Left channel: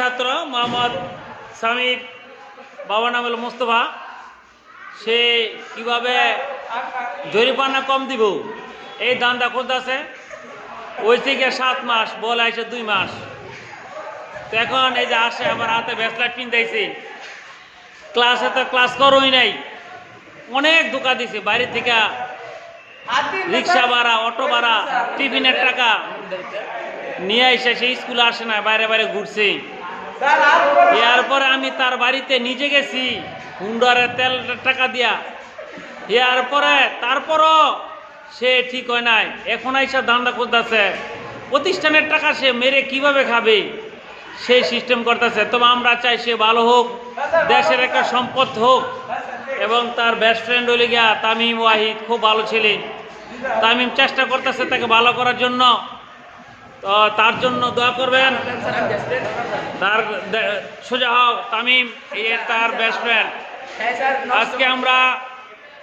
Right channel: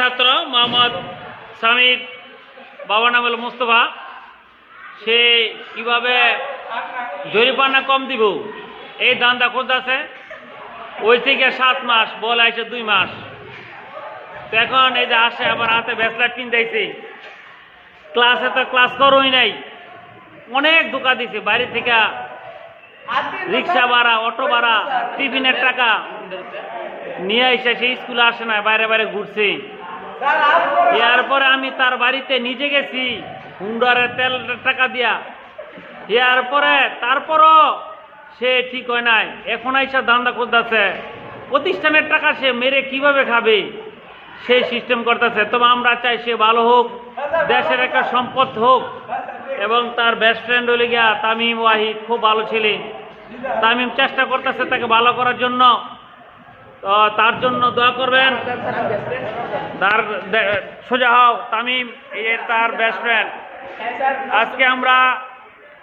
ছাত্র মোহাম্মদ সামির, বাবার নাম হলো মোস্তফা। সে কিভাবে জরিমানা কম দিব এই ধান্দা করতেছে। ওই থেকে 7 মাস, বলে আসে 2 মাস। তো এখন এই যে আসে আবার হাতে ব্যাসলাইট পিনতেছে। ক্লাসে তো ক্লাস করোই নাই, অনেক ধোকা দিছে। বাইরে থেকে রিক্সা ভাড়া, অটো ভাড়া, টিফিনের টাকা নিয়ে এসে সেই স্কুলে আসে না, বাইরে বাইরে ঘুরছে। এরপরে আমি তার বাড়িতে নিজে গেছি হুন্ডারে তেল টাকা দিয়া। এরপরে তারপরও সে ঠিক হয় নাই, এখন আইসা ধান্দা করতেছে। প্রতিষ্ঠানের টাকা সে মেরে কিভাবে খাবে সেই সিস্টেম করতেছে। তবে আমরা চাই সে ভালো হোক, দেশের একটা সম্পদ হোক। এবং তার বেস্ট ফ্রেন্ড হলে গিয়া তামিম ওয়াহিদ, খুব ভালো ছেলে। তামিম চেষ্টা করতেছে তাকে ভালো করার জন্য, তো তার জন্য দোয়া করবেন। তার সোজা হও, তামিম এর তার বেস্ট ফ্রেন্ড। আজকে আমরা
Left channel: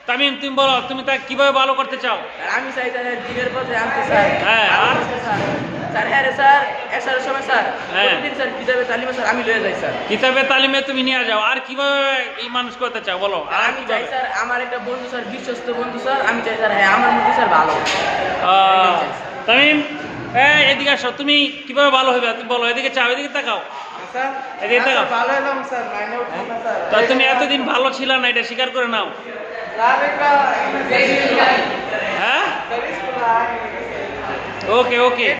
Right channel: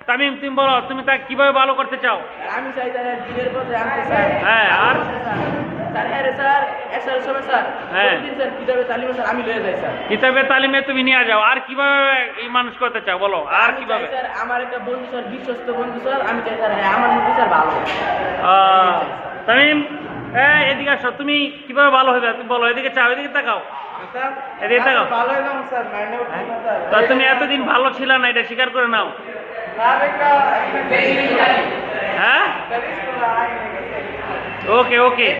তামিম, তুমি বলো তুমি তাকে কিভাবে ভালো করতে চাও? আমি চাই স্যার দিনের পর আনতে চাই। হ্যাঁ, আর স্যার হ্যাঁ রে স্যার, একসাথে সময় স্যার। হ্যাঁ। প্রতিদিন স্যার কিতাবে তালিমে স্যার আমি লয়ে যাই স্যার। কিতাবে তালিমে তুমি নিয়ে যাও। আর কিভাবে এই মানুষ করতে চাও বলো, আর আমি কিভাবে? চাই স্যার আমার একটা বন্ধু স্যার, বিশ্বস্ত বন্ধু স্যার, আমি চাই স্যার হ্যাঁ আমার মধ্যে স্যার ভালো। তামিম, এদিকে আসো। তুমি কিভাবে ভালো হবে তুমি বলো। এদিকে চাও, এদিকে তাকাও, স্যার এদিকে তাকাও। ভালো এলাম স্যার, মাইনে উঠলো না স্যার। তা তুমি এতদিন ভালো ছিল না, এটা স্বীকার করে নাও। স্যার একটা হ্যাঁ, ওকে ওকে।